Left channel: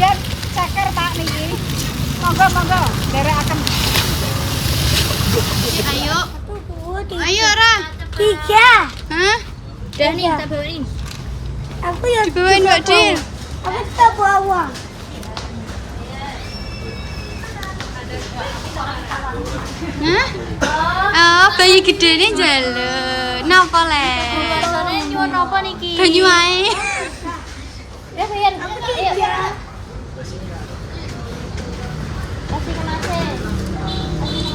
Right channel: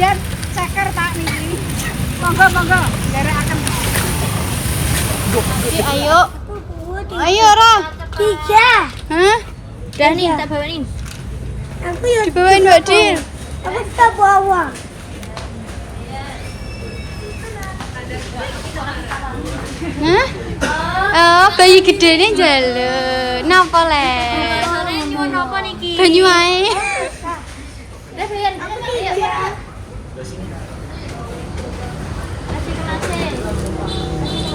bagian ceker Pak niki. Monggo, derekaken. Ayo. Ayo, Ra. 3. Hah? Dan nih, tak bawain. Aku ya Dibawain Mbak Dil. Aku tak bawa. Hah? Oh, bayi gedene njaluk. Napa le? Banyu ae. Bayar. Aku 3.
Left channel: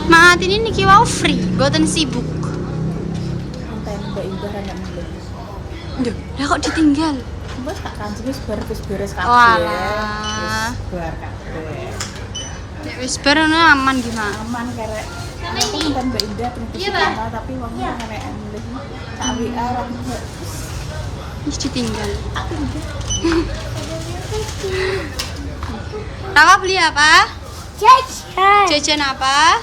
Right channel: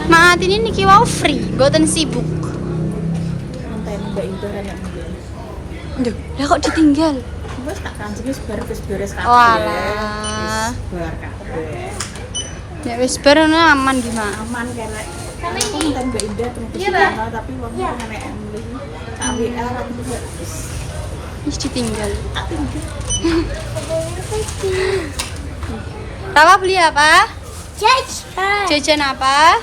Maat ini niki wau free, boten sibuk. Enten Mbak Indah ra nek mulih. Aduh, lah kok ditinggal? Wes tak kancing wis beres kabeh. Walah. Wis bar kabeh. Nek wis bar ono aman di Mak. Aman kerek. Aku enten Mbak Indah terus dikenal tapi wong pengen Emily. Tak WA ra wis Wis ditinggal. Rama beli apa? Jajan. Jajan apa?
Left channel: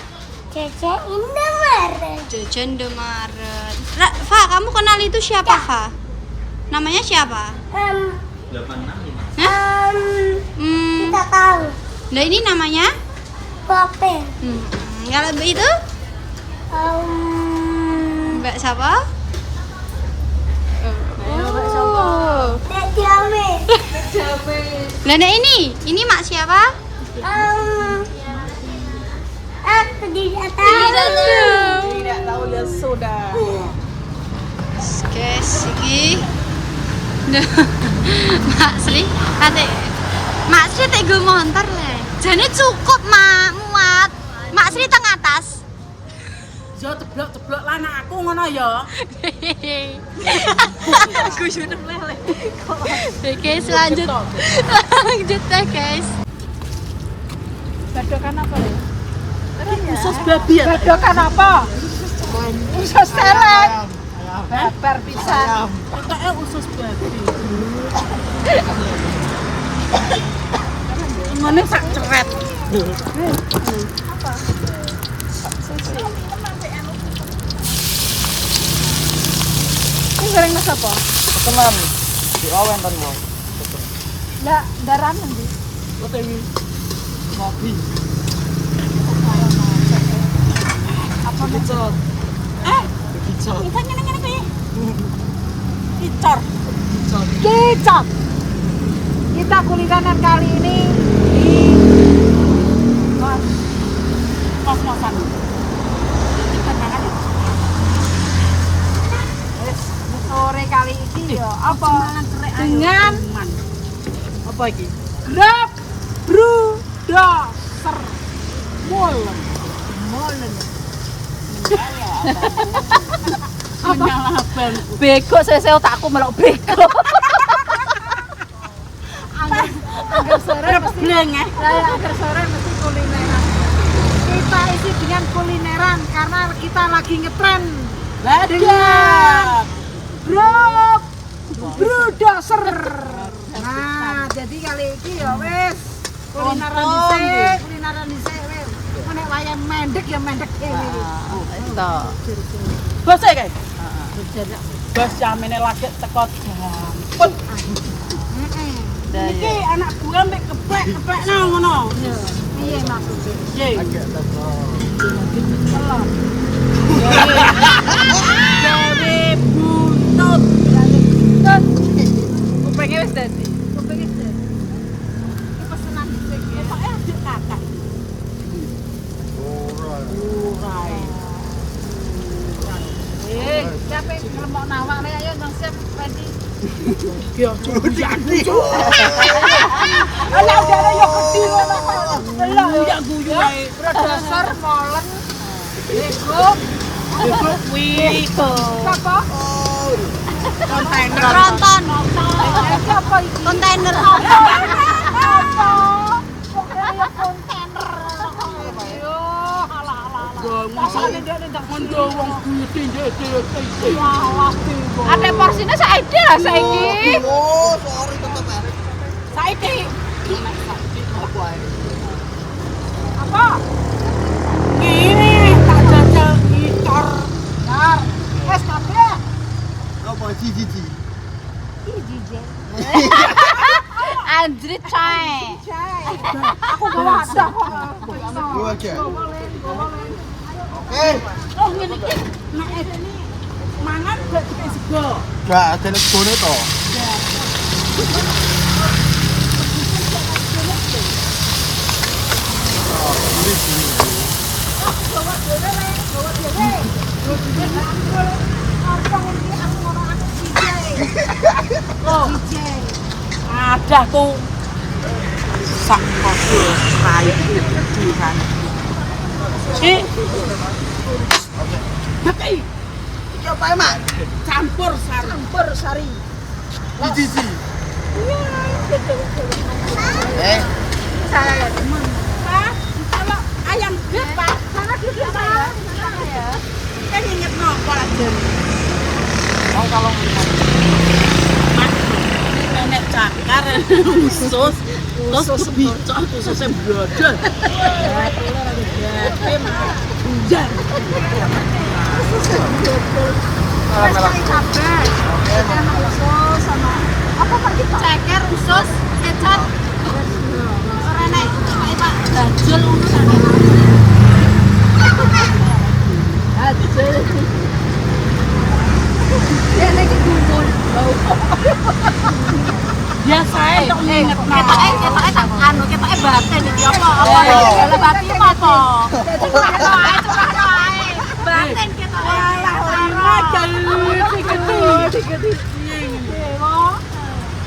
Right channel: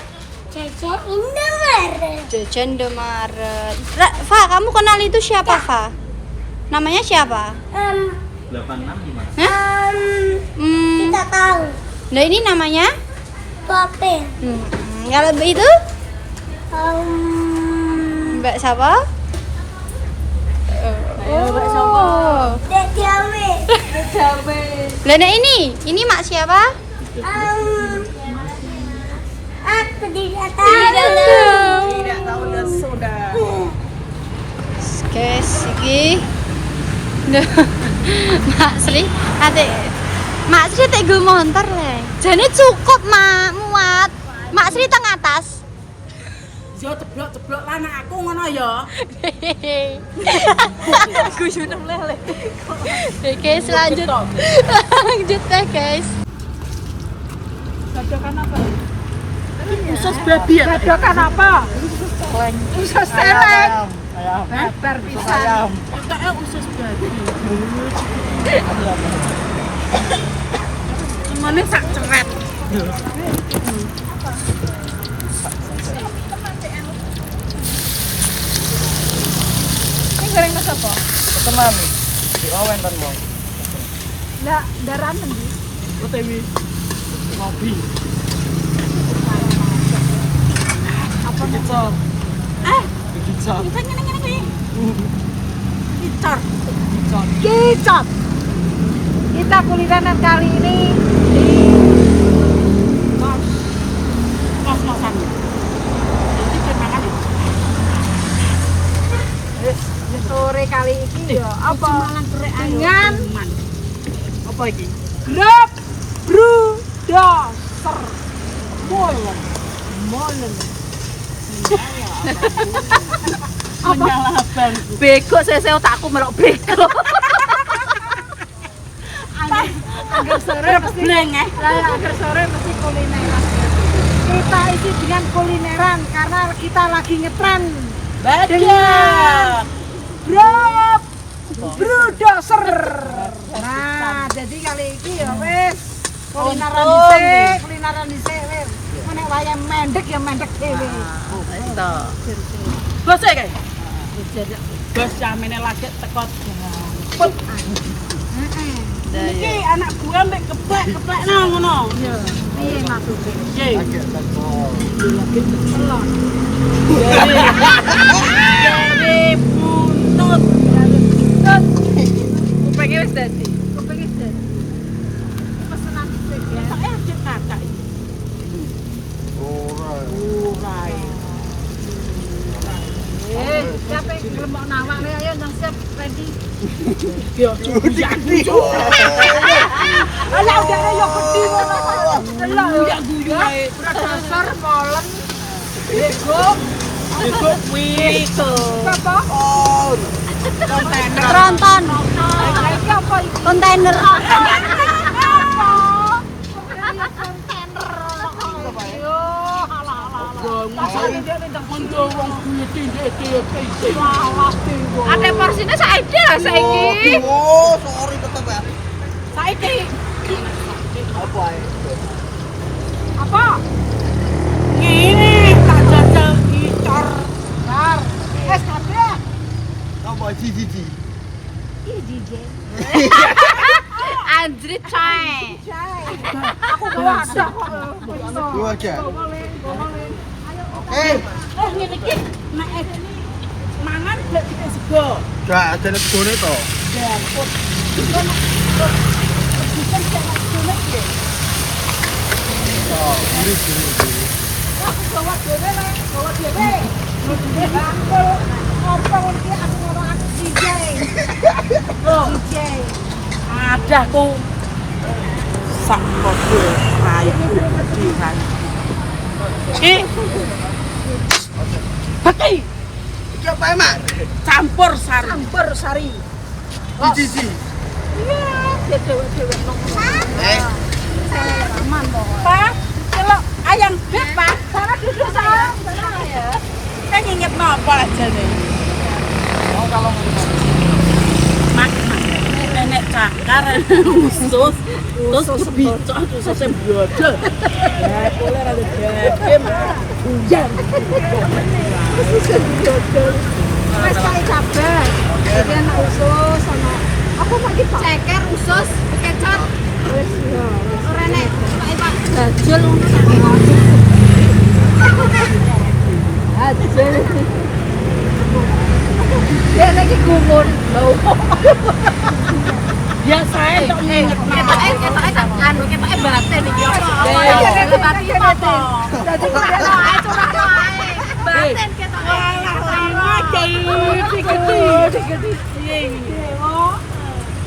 Jajan Indomaret. Jajan Indomaret. Fa, kamu kenal itu siapa, Fa? Namanya siapa? Hah? Kita tahu. Nah, ini namanya? Bape. Kalau itu? Mbak siapa? Oh. Dan Jawe. Lah nek ini mak siapa? Aku tidak tahu. tidak tahu ya sudah. Guys, iki. Mak Sri, ate. Mak Sri tek go montor le. Jane cukup, Mak, muat. Mak Sri teng atas. Yo ceblok lah aku ngono ya. Aku sudah lele. Guys, lanjut. Lanjut ya, guys. Gadokan apa ya? Usus babi ya? Gadokan apa? Usus selek. Ayam. Lebar bisa. Ayam. Pokoknya usus babi. Semuanya sak ceret. Ini goreng mas apa? Ketenang nih. Di awen kan bang. Nggak, daraman di. OTW. Ngopi. Apa Kicor. Kicor. Kita nyeneng-nyeneng gue. Kicor. Kicor. Kicor. Kita kulineran kali ini di kos-kosan. Tenangan. Sore kali ini ya apa dengan Apa iki? Grab Brudoser Molen apa? Bego saya otakku melok bego. Agar sore mesti agar sore mesti kulineran. Kita isi dengan kulineran karena kita lagi ngetren dengan Grab Brudoser. Nah, jadi kali ini ya wes kulineran dhisik wes. Nek wayang mendek ya mendek dhewe. Bos e kae. Bos jamene lagi teko put. Iki anak gua mbek keplek ngono. Iya. Piye maksude? Agak teko. Jadi buntut. Kupingnya wis dadi. Kupingnya dadi. Pesenan sik ya. Esake adik kakak. Ora. Siapa yang ngelembok nawak nih, ayo nasib tadi. Yo, cuci. Alah udara ya gede ngono. Alah uyak guyu ae. Dasar molen. Bego. Bego kuwi. Apa? Oh. Kontainer. Iki apa iki? Kontainer. Apa? Pokoknya kontainer. Yo, masa ini ndak mondong wong gede. Ate porsinya saiki lah saiki. Oh, sorry tetep ya. Saiki. Apa ae? Apa? Ini tak jajal gitar. Bar. Wes kabeh. Apa jiji? Iki jije. anjrit cae. Aku bawa sak kok. Lu aja. Oh ngene iki nek mangan gak dipek sego. Gak ada nek gone to. Bukan jangan segone iki. Oh, gurih. Ada tuh sak podo raiku diran. Hati Iki apa emak? campur sari. Iki. Pak, kalau ayam beb Pak, sana duduk saya. Saya inget apa aja nih. Mau kalau Nenek cakar usus, terus kebicok ususnya brodol. Ya, boleh ada gede mah. Hujan. Ususnya brodol. Wes kayak kabeh. Iki ana usus sama apa Pak kita? Ceker usus kecap. Wes yo. Ora nek Pak bajul ngono ta. Bajul. Ya lagi gumun. Biasanya tok inget nama. Anu ketoke batin iki apa? Apa batin apa? Batin ketoke.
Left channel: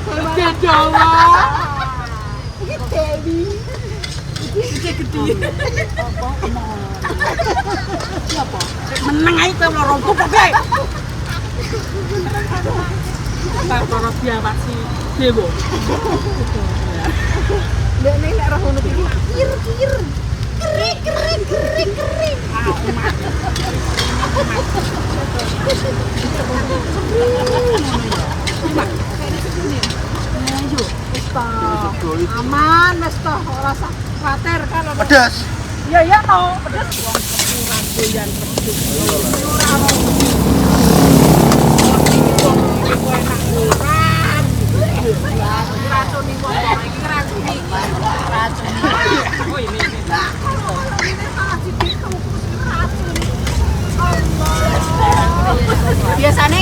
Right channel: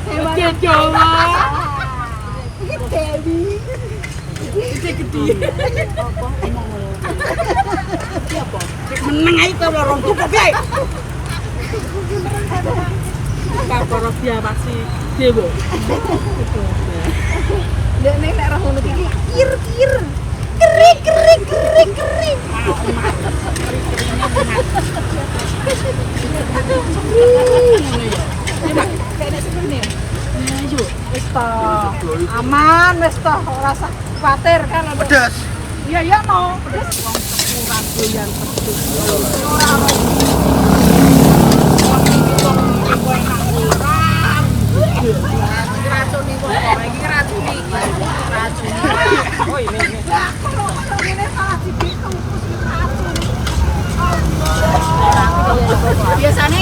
Gede Jawa. Iki Dewi. Iki gede. Apa omong. Siapa? Meneng ae to lorong tuh piye? Tak para diawasi dewa. Nek nek roh ngono iki kir. Kering. Aman wis to, ora usah kuwatir kan ono. pedas. Iya no, pedes. Doyan pedes. Racuni wong iki racuni iki. Oh ini. Lah kok ini salah dibikin racuni. Allah. Biasane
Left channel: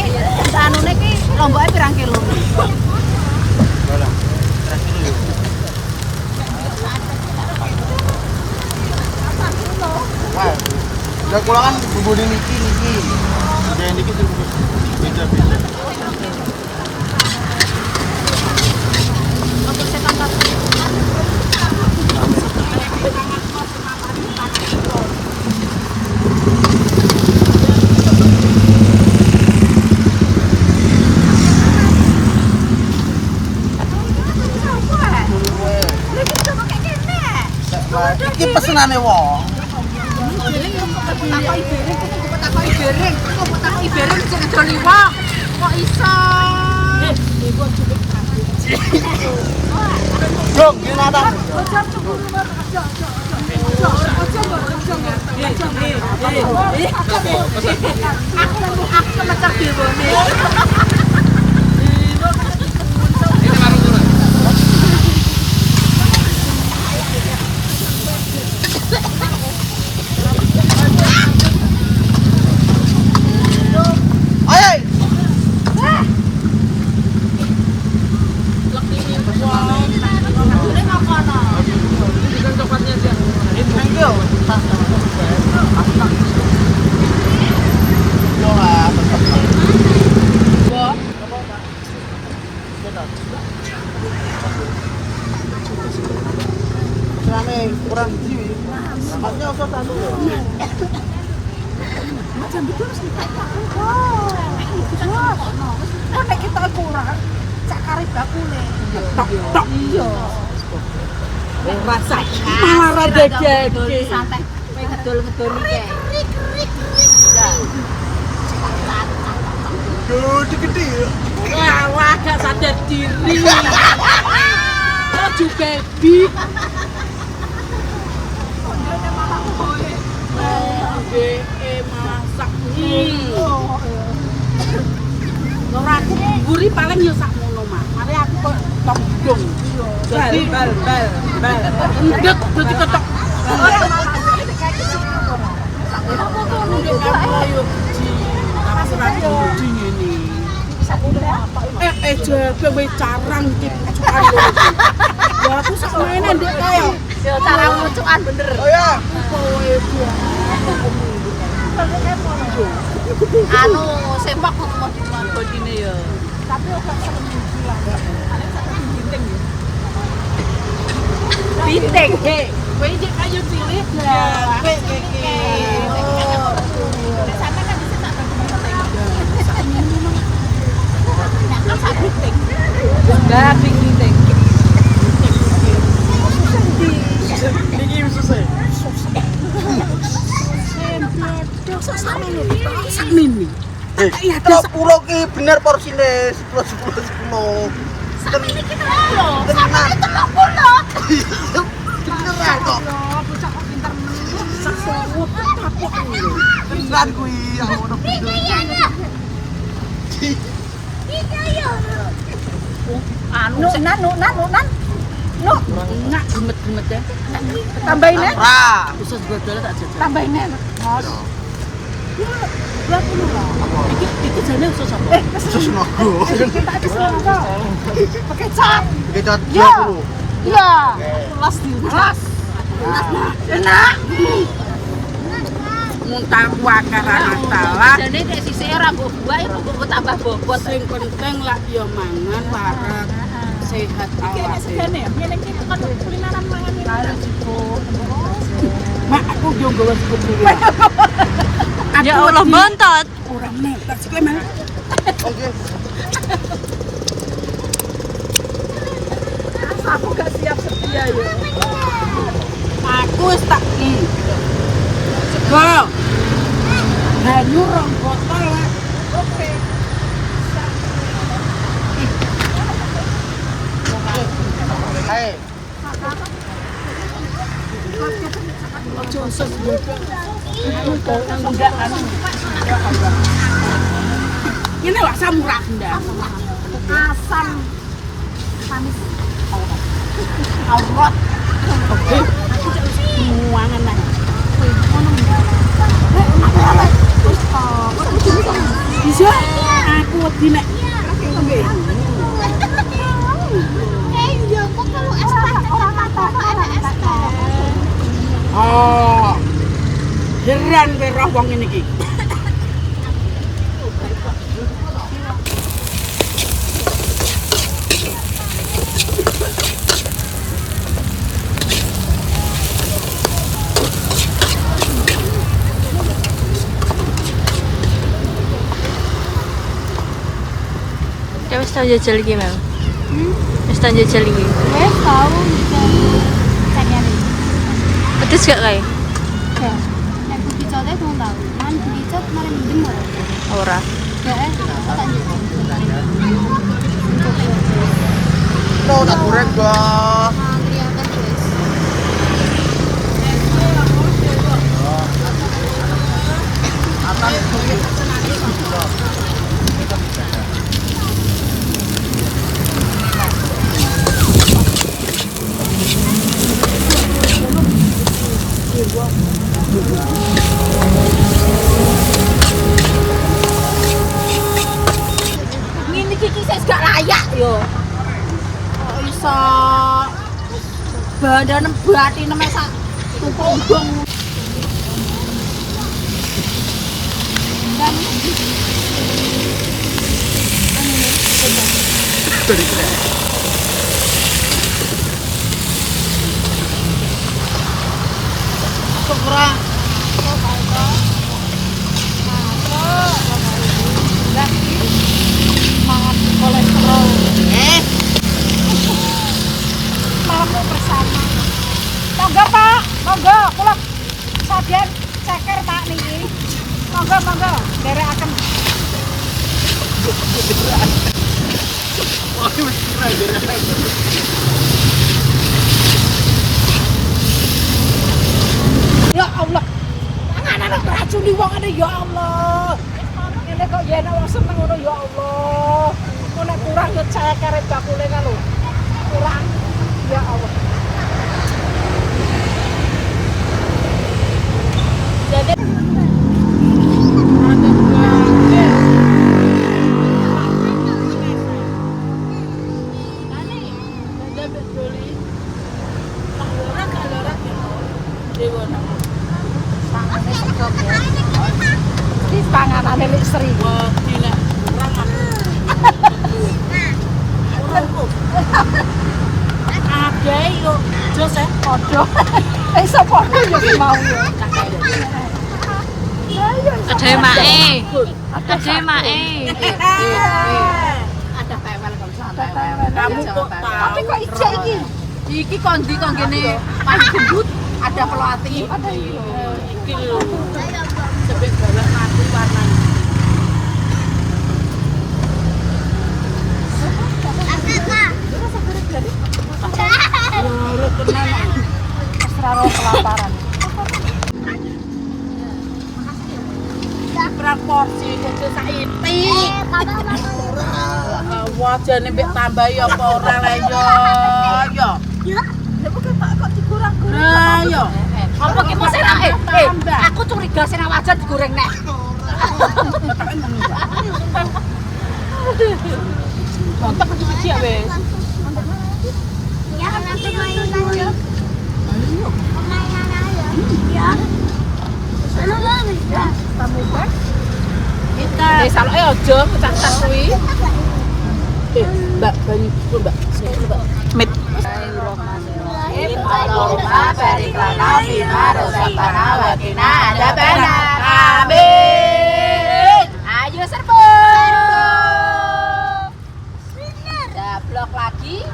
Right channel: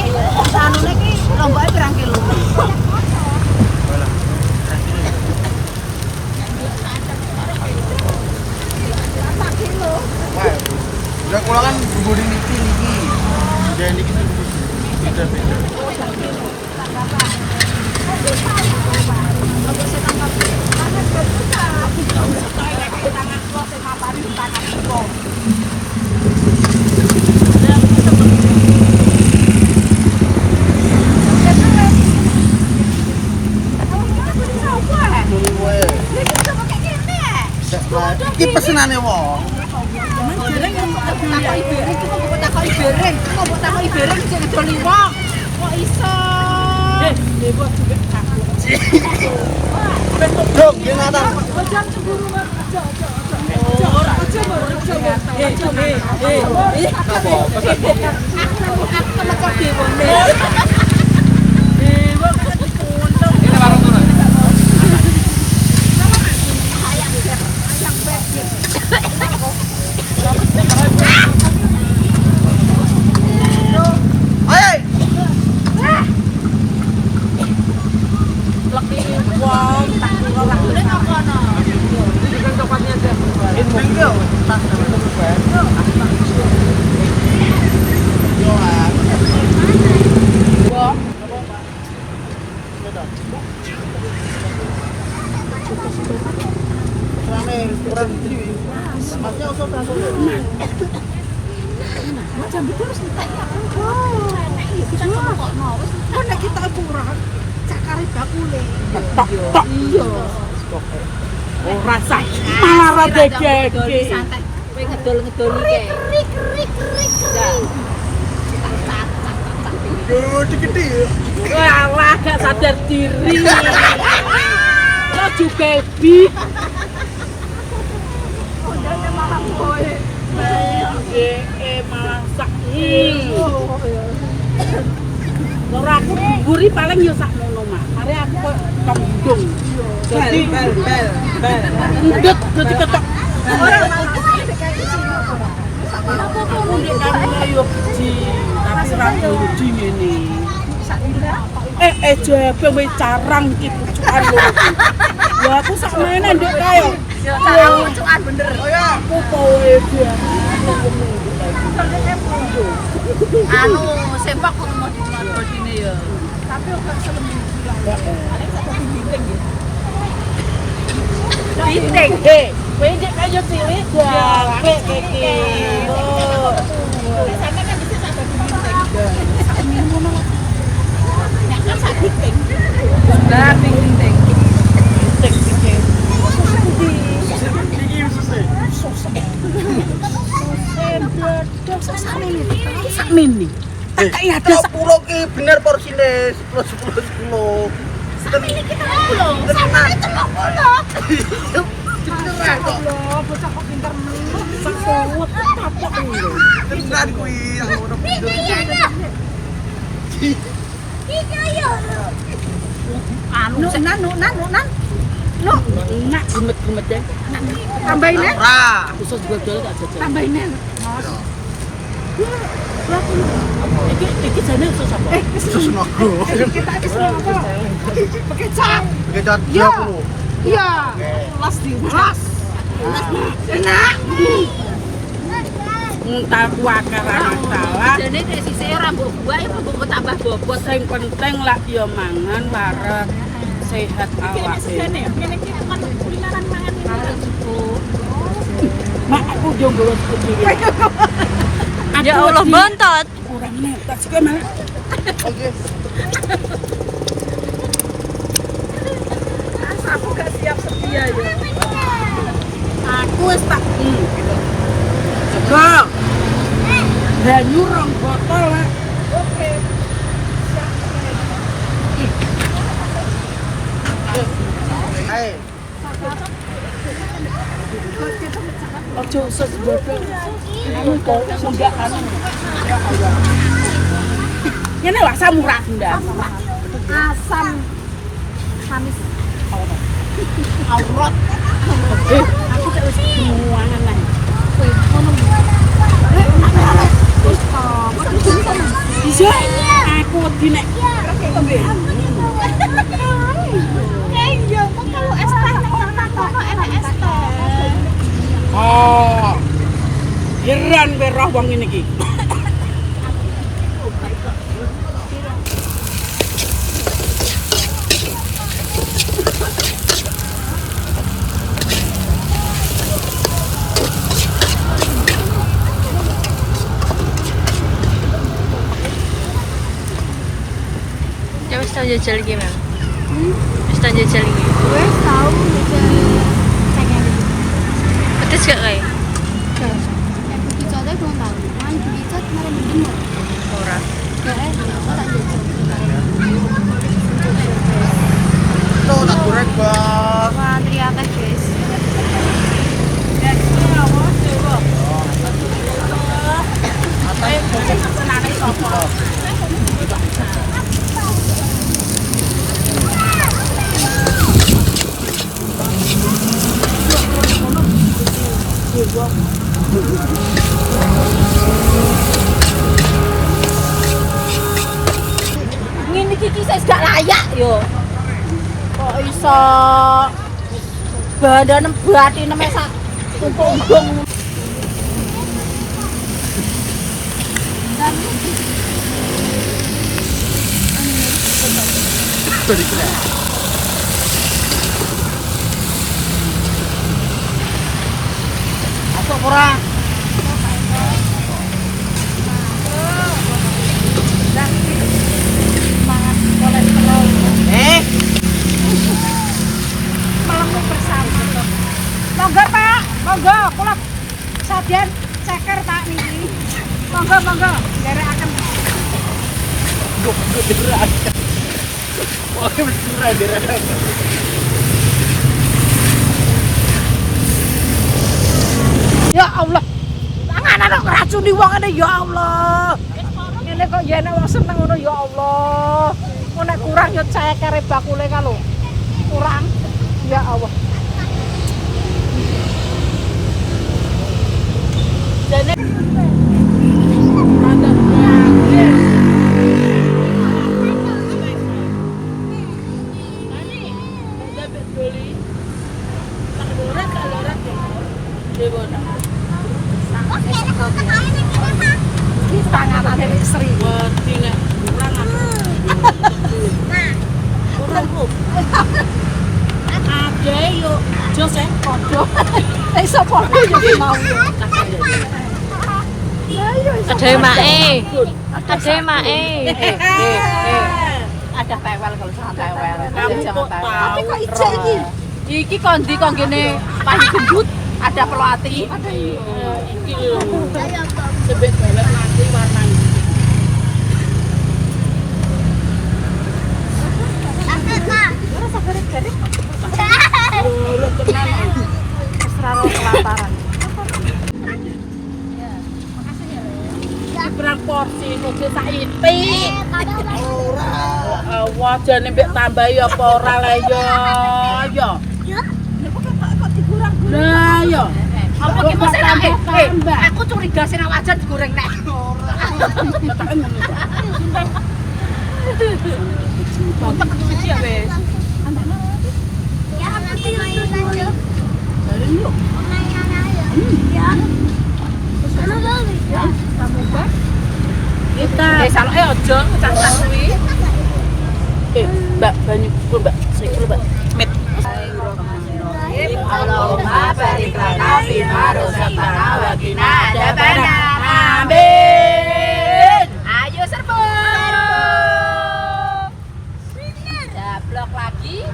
anune ki lomboke pirang kilo? Nah, kula kan bubur niki. Dia niki tuh beda-beda. Iki pesenane wong. Takoki bereng iso ngedoli wong. Kok iso? Dong, gimana? Aja cemburu aja. Aku mecer dewane. Macam betul terus entek ya. Kita ngomongno wis nek kita kurang cakare bakule. Iya. Ora sak malah rada gede. Santai. Kowe ngedol-ngedoli kae. Gede. Wah, gak sadar diri. Lo juga bi. Malah sak. Ora aku buri paling yo sak ngono mah. Mari aku potong hidung. Jadi bal. Endet berarti ketok. Ora Kundi kan loyo di tapi ra di ngene. Jaga we carang iki pucukan lho iki. Lha aku sakmene ndek kae yo. Yo carang pucukan bener. Aku kowe dia. Anu sempak kok mau dine yo. Tapi ora selem bilang. Ada satu binting ya. Binting. Kowe njek kaya cilik ya. Kowe keke. Sampe kan bisa satu binting. Sakmene ngono. Nek kan sak binting. Nah, binting. Iki susah. Sak mini. Iya, ada 10 ki bener porsine 10. Sak mini kita 10. Sama itu 30. Bocah kok pinter men. Sak sewut kapok lho. Pinter kuwi ngono. Iki ayo. Anu nan. No, enggak gemet-gemet ya. Tambahin ya. Usus dodol tak jajal. Tambahin ya. Mas. Ya punya. Iki jane usus apa? Usus naga. Kita usus naga. Pakai cat. Pakai cat 20. Iya. Kelas di kelas. Enak. Muntah kuakaran salah. Dene nek sisih ora mbok buah iku mbok tambah bobot sing penting lak ya mangan wareg. Sehat awak. Ngene iki kan kulineran mangan ini. Mak aku yo nggawa kopi. Ya Allah bontot. Ora meneh, tak sik mah. Aku gak siap setia ya. Aku wis tak sego. Banyu rong botol. Oke. Ojo usus bodoh. Anu to muda anu. Ngene lho asam murah ndak. Asam manis aurat. Aku tak wis muangan nang. Kowe ngono. Nek nak wis kok. Bisa aku wedi nek tembe. Iya, kok kalau es teh ora mata enak es teh. Oh. Heran kowe roh wong ngene iki. Ya wis tau jajal iki, Mel. Wis tau jajal iki. Wes tahu jajal cagani. Pedes gak kae? Gak. Nek dicoba belum tahu. Man dicot malah mending ora. Ora. Gak tak jajal. Lo tak goreng, Bang. Wah, teriakan guys. Ngene iki wis gak layak yo. Kok iso bandane batine mek sak tumpuk undung. Dari kene. Masuk ora? Semangat kolesterol. Malammu bersama. Monggo Pak, monggo kula sajen ceker Pak niki. Monggo, nderekaken. Oke, mesti ra. Ya Allah. Anak-anak racuni wong ngene ya Allah. Ngene kok ya nek wong seneng ngono ya Allah. Nek kurang ngecek kare bakule ka lho. kurang. Ya Allah. Jadi ada Ada mae. Ada mae. ada tewel kalau jangan tewel. Kamu kok tahu? Iki kondi kok gini paling gendut ada pelatih. Iki lho. Sebet balok nanti karena lu tenang. Seraro kelaparan. Berat porsi kode saiki. Wajane mbek tambah ya apa ora le yo. Yo. Lha kok digoreng-goreng. Lah yo. Apa ki mesti tambah. Aku curiga sing wajan digoreng nek. Ketake ngono kok. Mantap kecil ya wis. Ya nanti yo. Ya. Kamu bak kita desa ojo kecak kuwi mbak banyu mbak mit Allahumma barik lana fi ma razaqtana wa qina adzabannar amin ayo serbu jablok lagi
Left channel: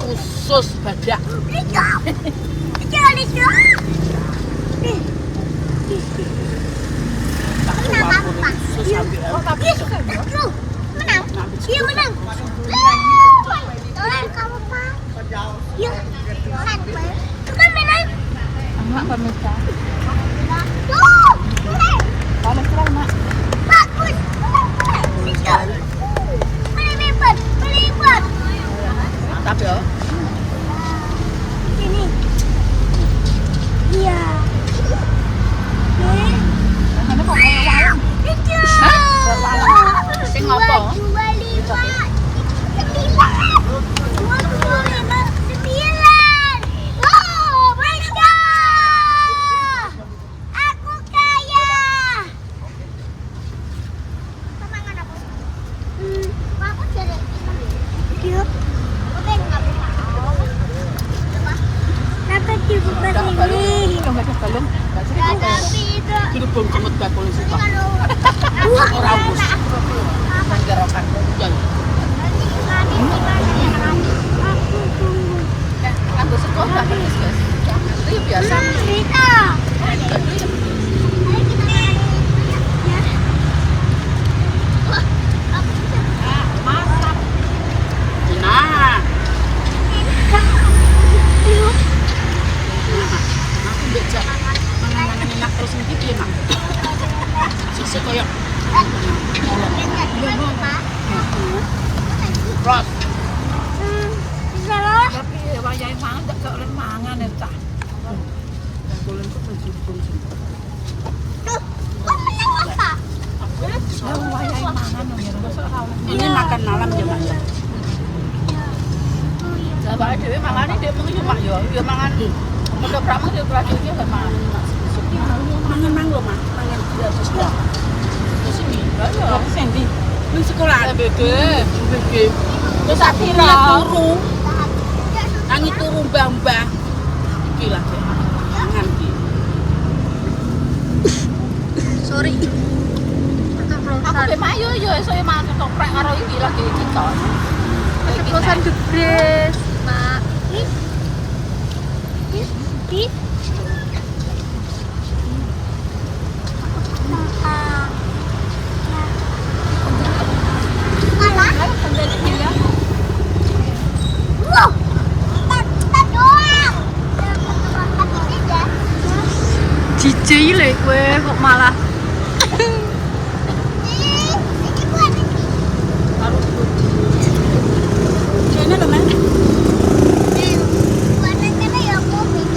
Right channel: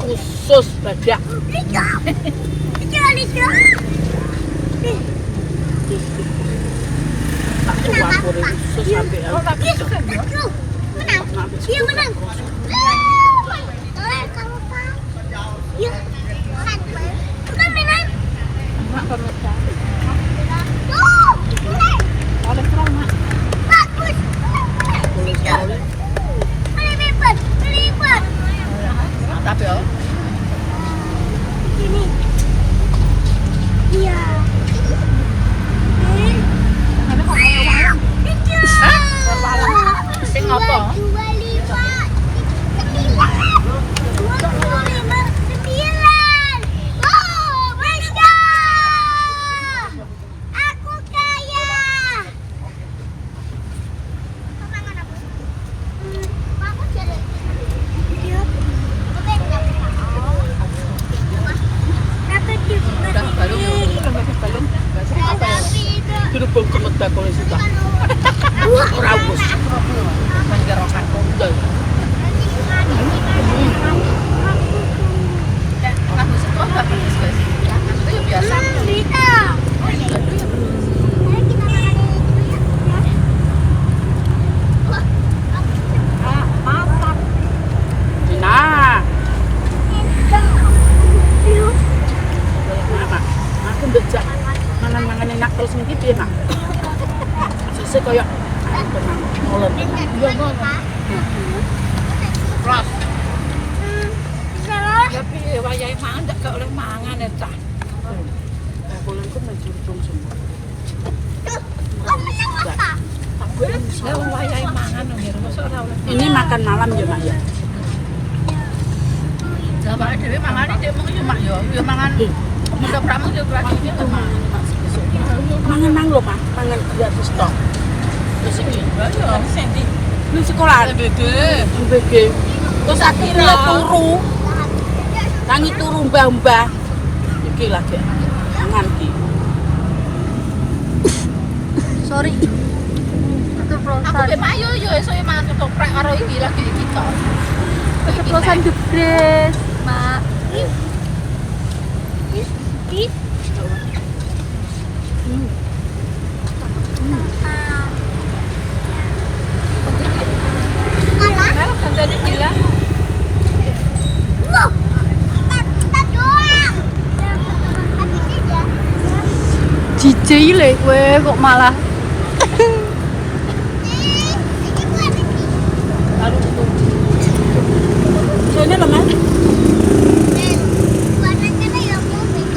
khusus badak. Tak campur khusus sampai tapi ya ini iya sing apa? Dirubung cemet bakul isi Pak. Ora wus. Nang kira kan. Aku suka dapat guys. Itu biasa. Masak. Nah. Aku becak. Mangan-mangan enak terus niki piye, Nak? Sisi koyo olon. Iya, Bang. Ras. Tapi wayahe mangan gak oleh mangan ya, Cah. Boleh kok menjurbung semua. Lah wayahe mangan ya, masa ora oleh. Ini makan malam ya, Mak ya. Jamaah dhewe mangane dhek mung yo Mak yo, yo mangan. Udah pramang di pelatihnya kan mangan mang lho Pak, mangan gratis dong. Di sini, sini. Di sekolah. Dede. Terus akhirnya turu. Tangi turu mbah-mbah. Iki lah Dek. Nganti. Sorry. Aku ge payu yo esuk mangan ketoprak karo iki lagi kita. Keceplosan gede, Mak. Kalau kan tadi bilang wow, tak doang. Jile kowe kok malah. Sini lho, Men.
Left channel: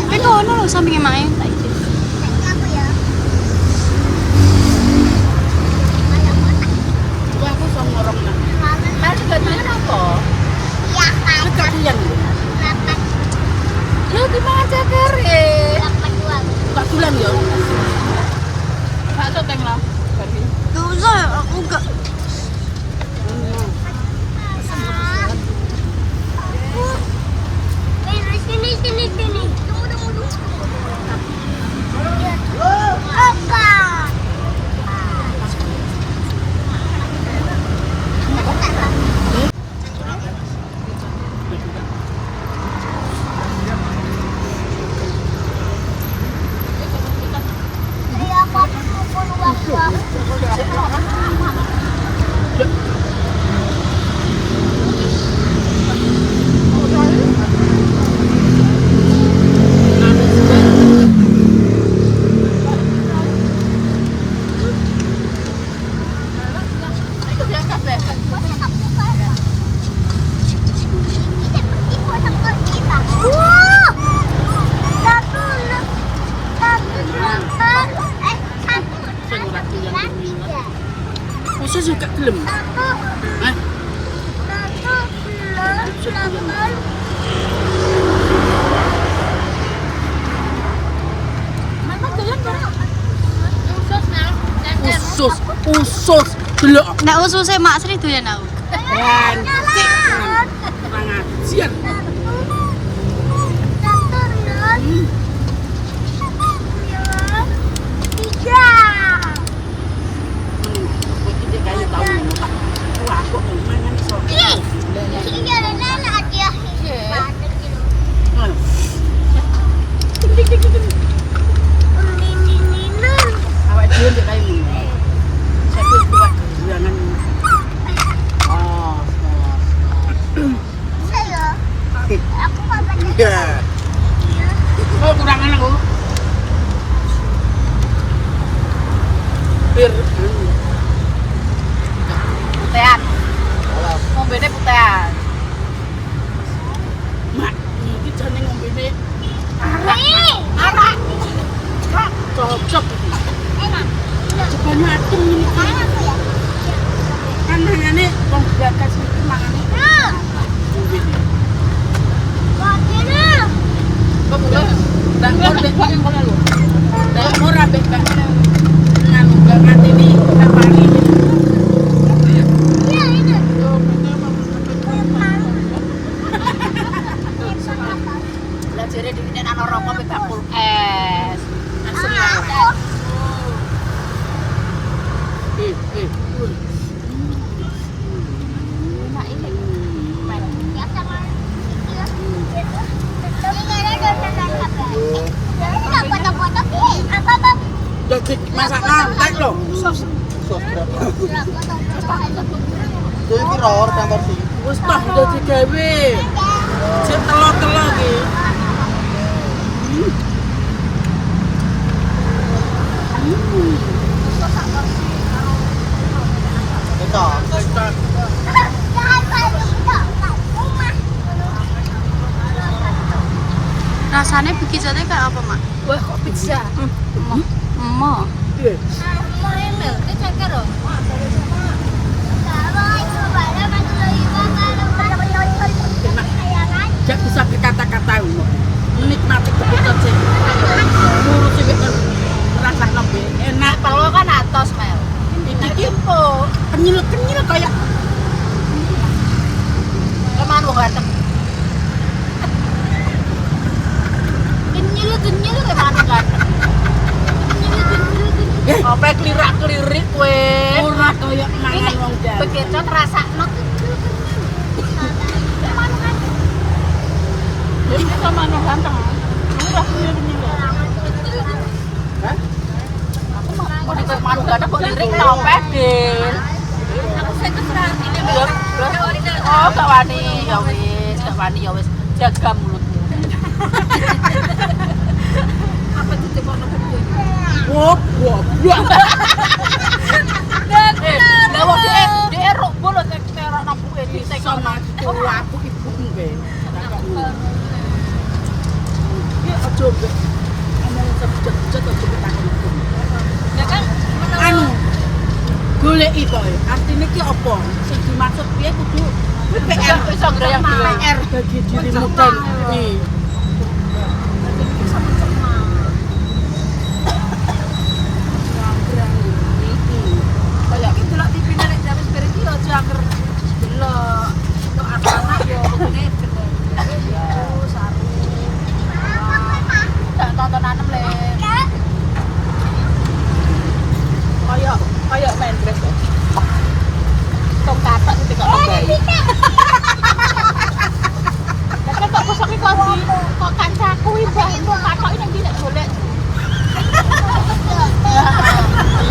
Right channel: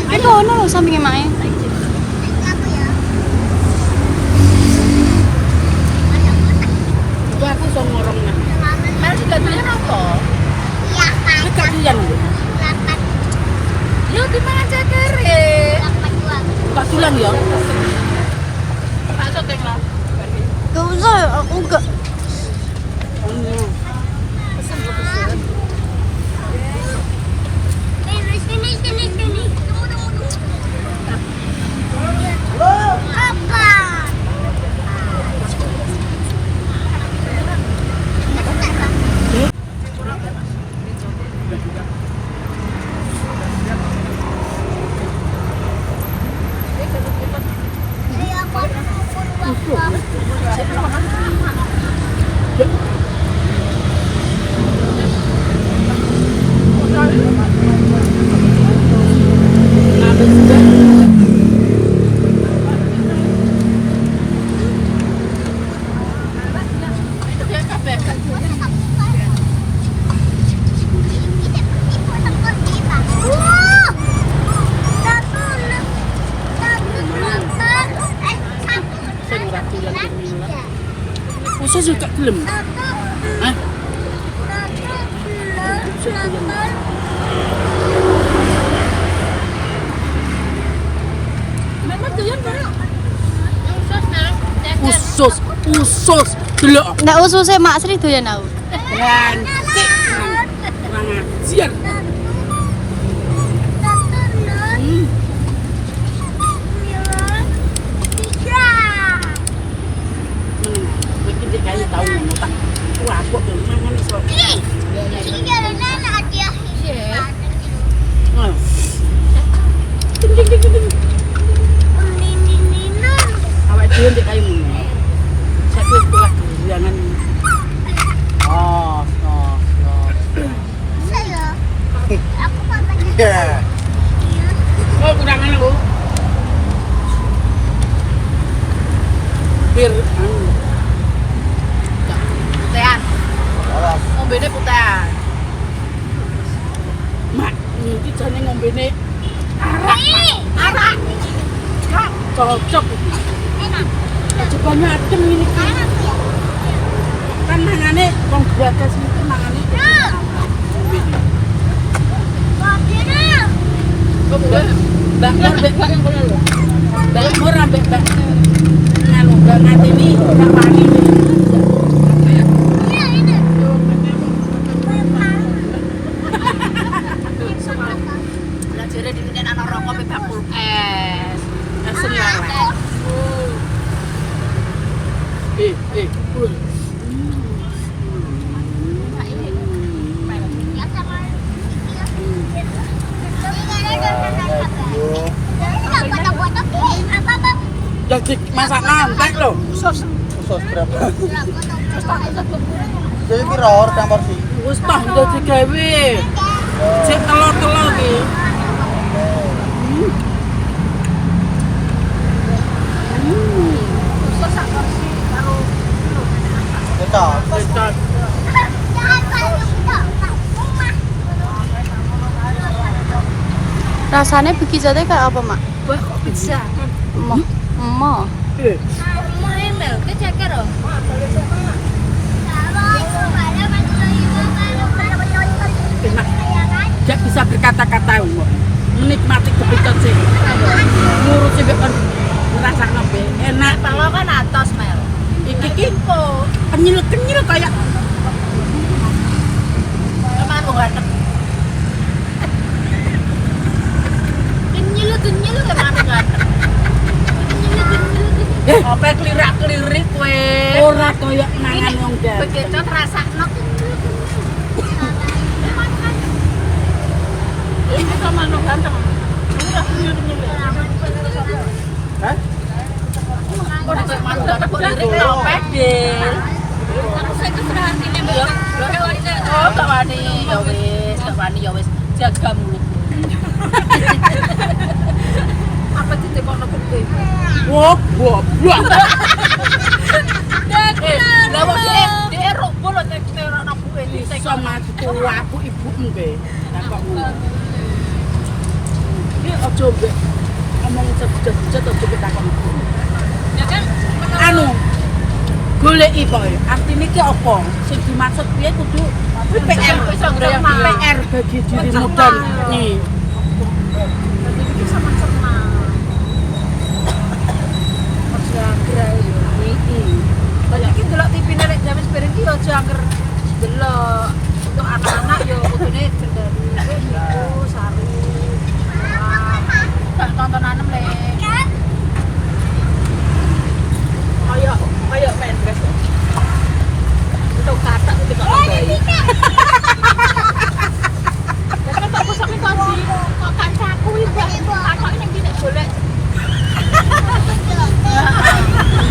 Kan ono lho sampinge mae. Wah, aku iso ngorong nang. Mas gak doyan apa? Gak doyan lho. Yo gimana cakere? Tak pulang ya. Masuk keng lah. Gak usah, aku gak. Pesan gue pesan. Masa sih gak gelem? Hah? Usus delok. Nek ususe Mak Sri doyan aku. Bantik. Kurang ajar. Iki kayu tau ngono tak. Wah, kok mangan iso. Ayo. Awak dhewe ndek kayu ngono. Saiki wis kuat gurianan. Ya. Oh, kurangan aku. Bir putean. Ngombene putean. Mak, iki jane ngombene arak. Kak, cocok iki. Cobanya adem ini. Kan mangane wong bagas iki mangane. Ngombene. Mbak Nur mbek Mbak Nur ambek Mbak nganu Mbak Ngatini Mbak Wali. Lah jere dene ana rokok pe bakul es. Langsung lalah. Jadi masak nantek lho. Sos berapa? Jadi kira orang porsi. Wis tah udah digawe. Cek telur-telur iki. Sos sak porsi karo Kita. Rasanya bikin sate kayak apa, Mak? wah kok bisa. Emah. Enak. Gak bisa berkata-kata umur. Menikmati kepicut sih. Ngurus sih ngerasakno be enak. Kalau kan atas Mel. Iki kenyil kayak Kemana wong retep? Kenyil kemana kan? apa kelirak-kelirik kowe. Ora kaya mangan wong jan. Begitu rasakno. Ini kemana ganteng. Ini lah kenyil-kenyil. Hah? Kok nek manuk gak kok lirik tau pedel. Aku sing keserantine mbak. Oh, gak wani. Ya wis, jaga mulutmu. apa ditekono gede. Wah, goblok. Lah wong dia rok bolo tek terak nabuke Iso mati tuwa aku ibumu be. Takok ngono. Iki aja mbek ngomong sebut-sebut aja ketakon ibu. Lah kan Anu goleki poe. Artine iki apa? Sing dimaksud piye kudu PR iso ngrayang PR bagi dirimu dan nih. iki sama sama. Aja angger yo iki. Lah iki delok TV-ne nek jam piring iki aja angger delok. Untuk anak-anak yo kudune kendali yo saru. Tak tontonan le. Kayak main dress. Untuk katak itu kok bayi. Tapi kok besok kok di kok kancaku iki mbok takoki ning kene golek.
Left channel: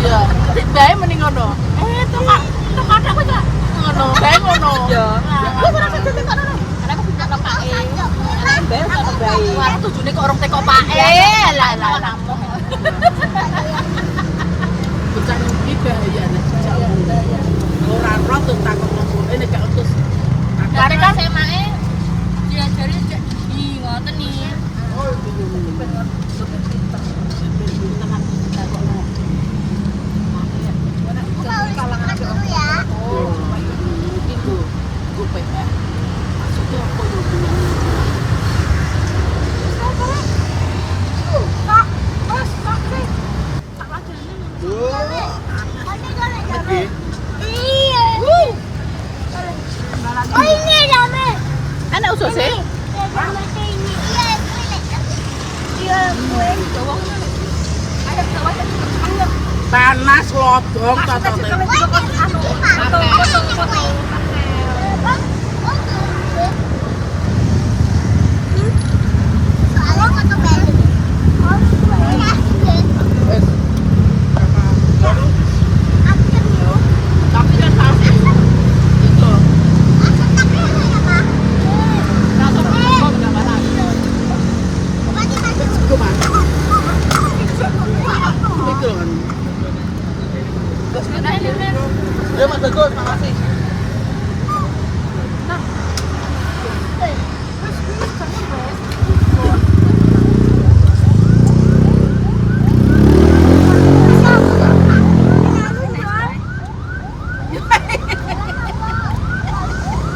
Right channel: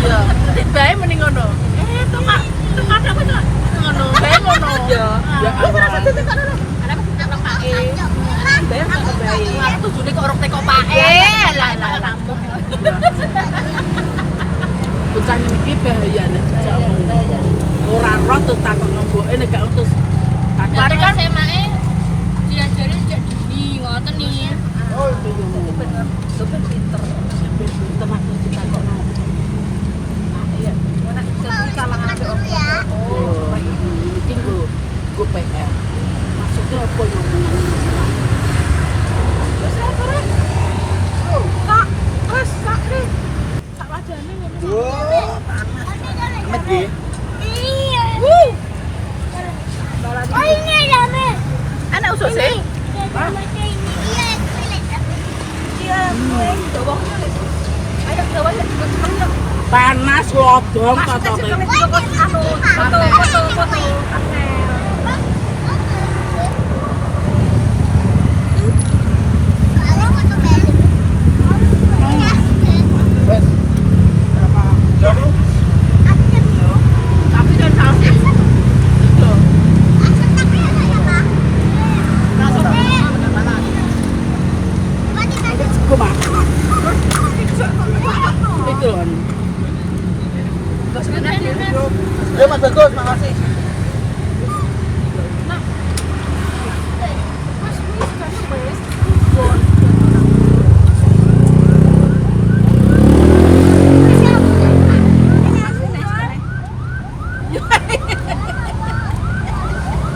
Iya, bae mending ngono. Tok katak kok ngono, bae ngono. Ya, Ana kok pindah pake. Bae kok bae. Wah, tujune kok orang teko pake. Lah. bukan iki bahayane. Ora roh terus takon nomboke nek gak utus. Dari kan semake diajari cek dini ngoten nih. Oh, itu bener. Super pinter. Pinter aku ditakokno. Nah, iya. Ora jadi kalangan ada orang tua. Oh, baik. Mungkin go PR. Maksudnya apa ngomong? Wes kare. Tak, wes tak deh. Tak wajane ngono. Lagi. Balagi. Ana usus e. Ayo bawa ya, cepat. Panas lodong Mas, kata kita juga anu, foto. Wes. Tapi dan hasil. Itu. Langsung ke mana? Go makan. Itu kan. Bos nenek. Ya Mas Bagus, makasih.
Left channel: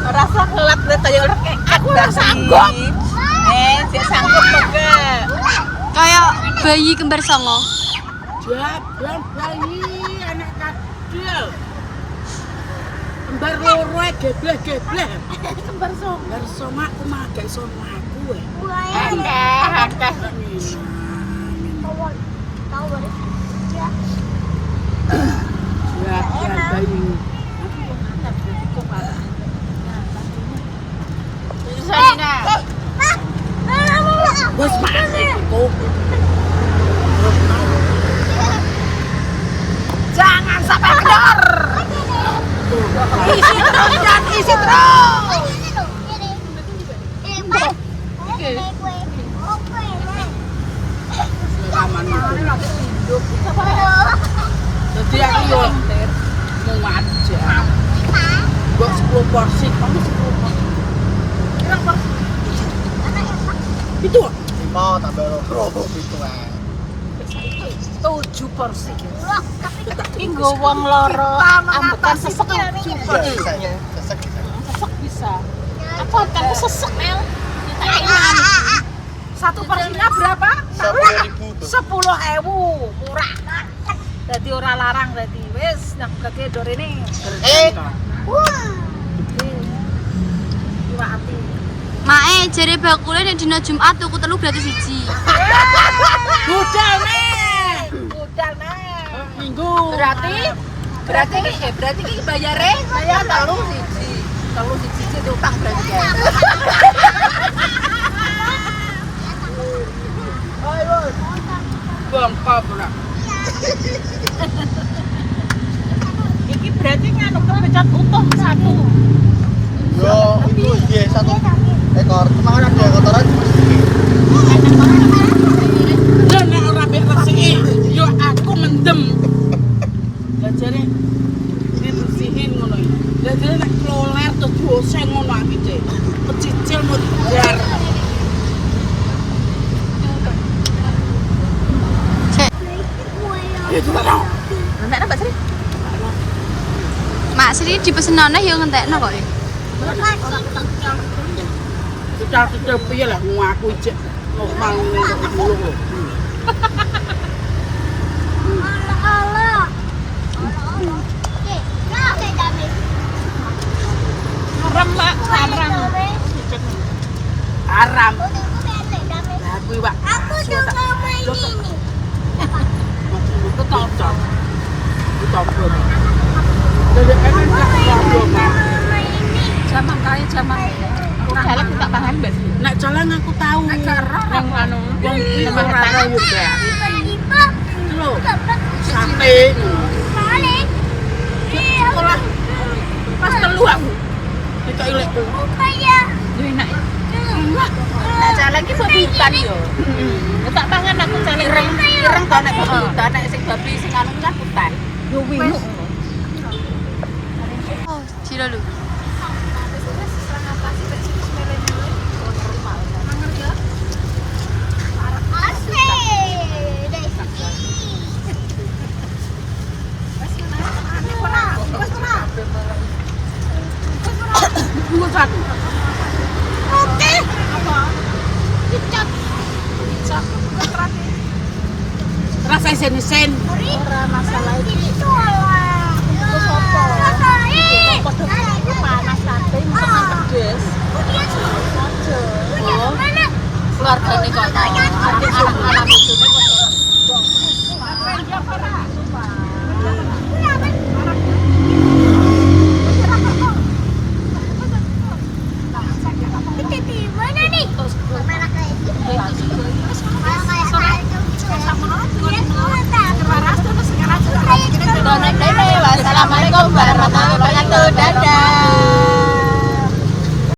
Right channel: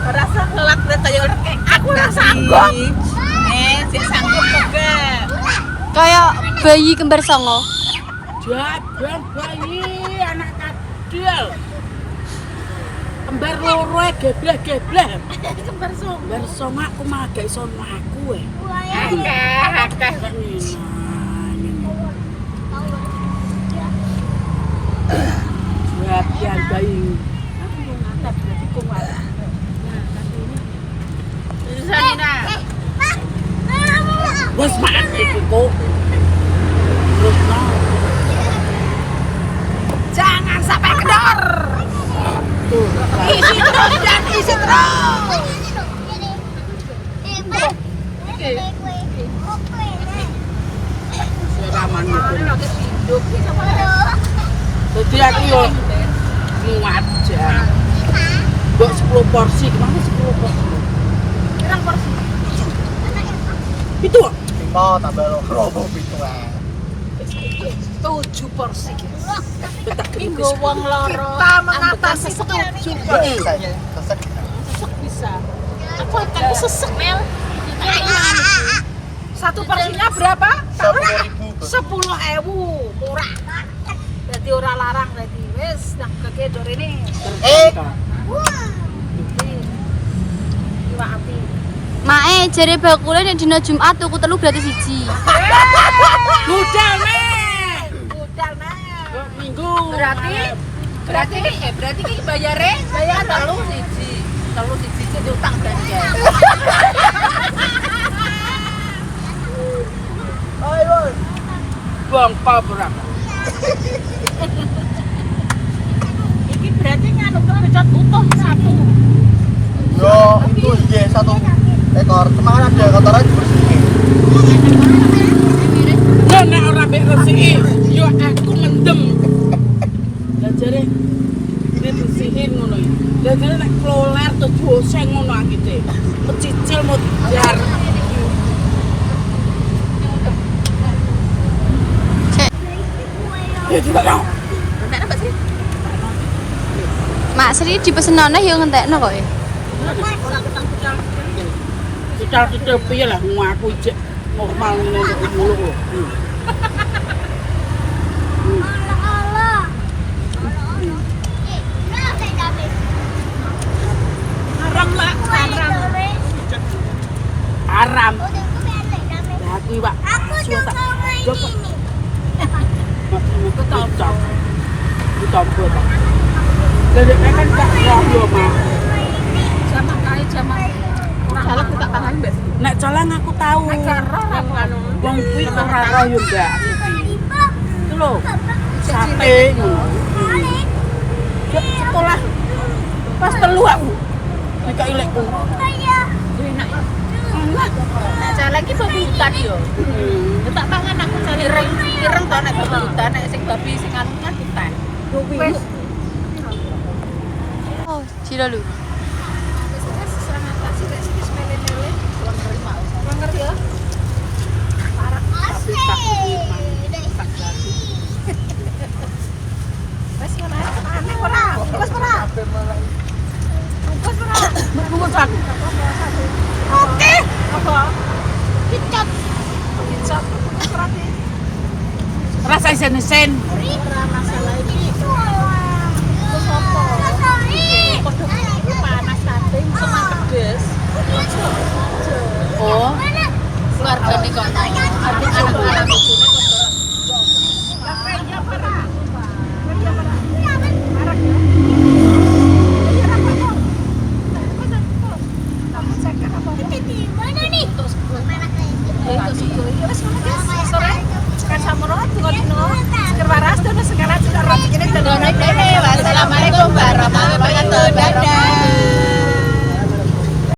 Rasa kelap lihat kayak orang aku nggak sanggup. Saya sanggup juga. Kayak bayi kembar songo. Jabang bayi anak kecil. Kembar loro gebleh-gebleh. Kembar song. Kembar songo aku mah gak iso mlaku e. Akah. Jabang bayi. Aku mau natap berarti kuat. Nah, tadi ini. Susana. Wes makan iku. Jangan sampai kendor. Tuh, Isi terus dan isi terus. seraman gitu. Ini lagi hidup. Jadi aku yo muat jan. Mbok 10 porsi, kemana 10 porsi? Pirang porsi? Itu. Mau tambah robo gitu lah. 7 porsi, guys. Inggo wong loro. Kita mengatasi 7 porsi. Sesek bisa. Aku akan sesek Mel. Satu porsinya berapa? Tahu? 10.000 murah. Jadi ora larang tadi. Wes nang kake dor ini. Iwak ati. Mae jare bakule nek dina Jumat tuku telu gratis siji. Budal nih. Udah nah. Minggu. Berarti iki bayar telu siji. Telu siji itu utang berarti ya. Bangka berapa? Iki berarti nganu kepecat utuh satu. Yo, iya satu ekor. Cuma kan ada kotoran. Ya nek ngono iki, Cik. Pecicil mutiar. Ya tidak tahu. Nek apa sih? Mak Sri dipesenane yo ngentekno kok. Kita piye lah ngaku ijek normal ngene kok muluk lho. Haram. Lah kuwi Pak. Suwe tak dokok. Itu tahu. Itu tahu Pak. Jadi kan tak yo Mas. Zaman kae zaman kurang jalan tak paham enggak sih? Nek jalan aku tahu. Nek karo anu. Wong kuwi ora ro yo Mbak. Itu lho. Sate ngono. Sekolah. Pas telu aku. Dikai lekku. Enak. Nek jalan ki bukan yo. Tak pangan aku cari ireng to nek bukan nek sing babi sing anu kan hutan. Yo wis. Oh, Cilalu. Wis serang atasi wis mele-mele. Kurang ngerti ya? Parah. Wes mana? Aneh ora. Bungkus ora. Bungkus ora. Bungkus aku. Apa? Kicap. Kicap bungkus ora sih. Rasa sen-sen. Ora masalah itu. Panas sate, misalnya pedes.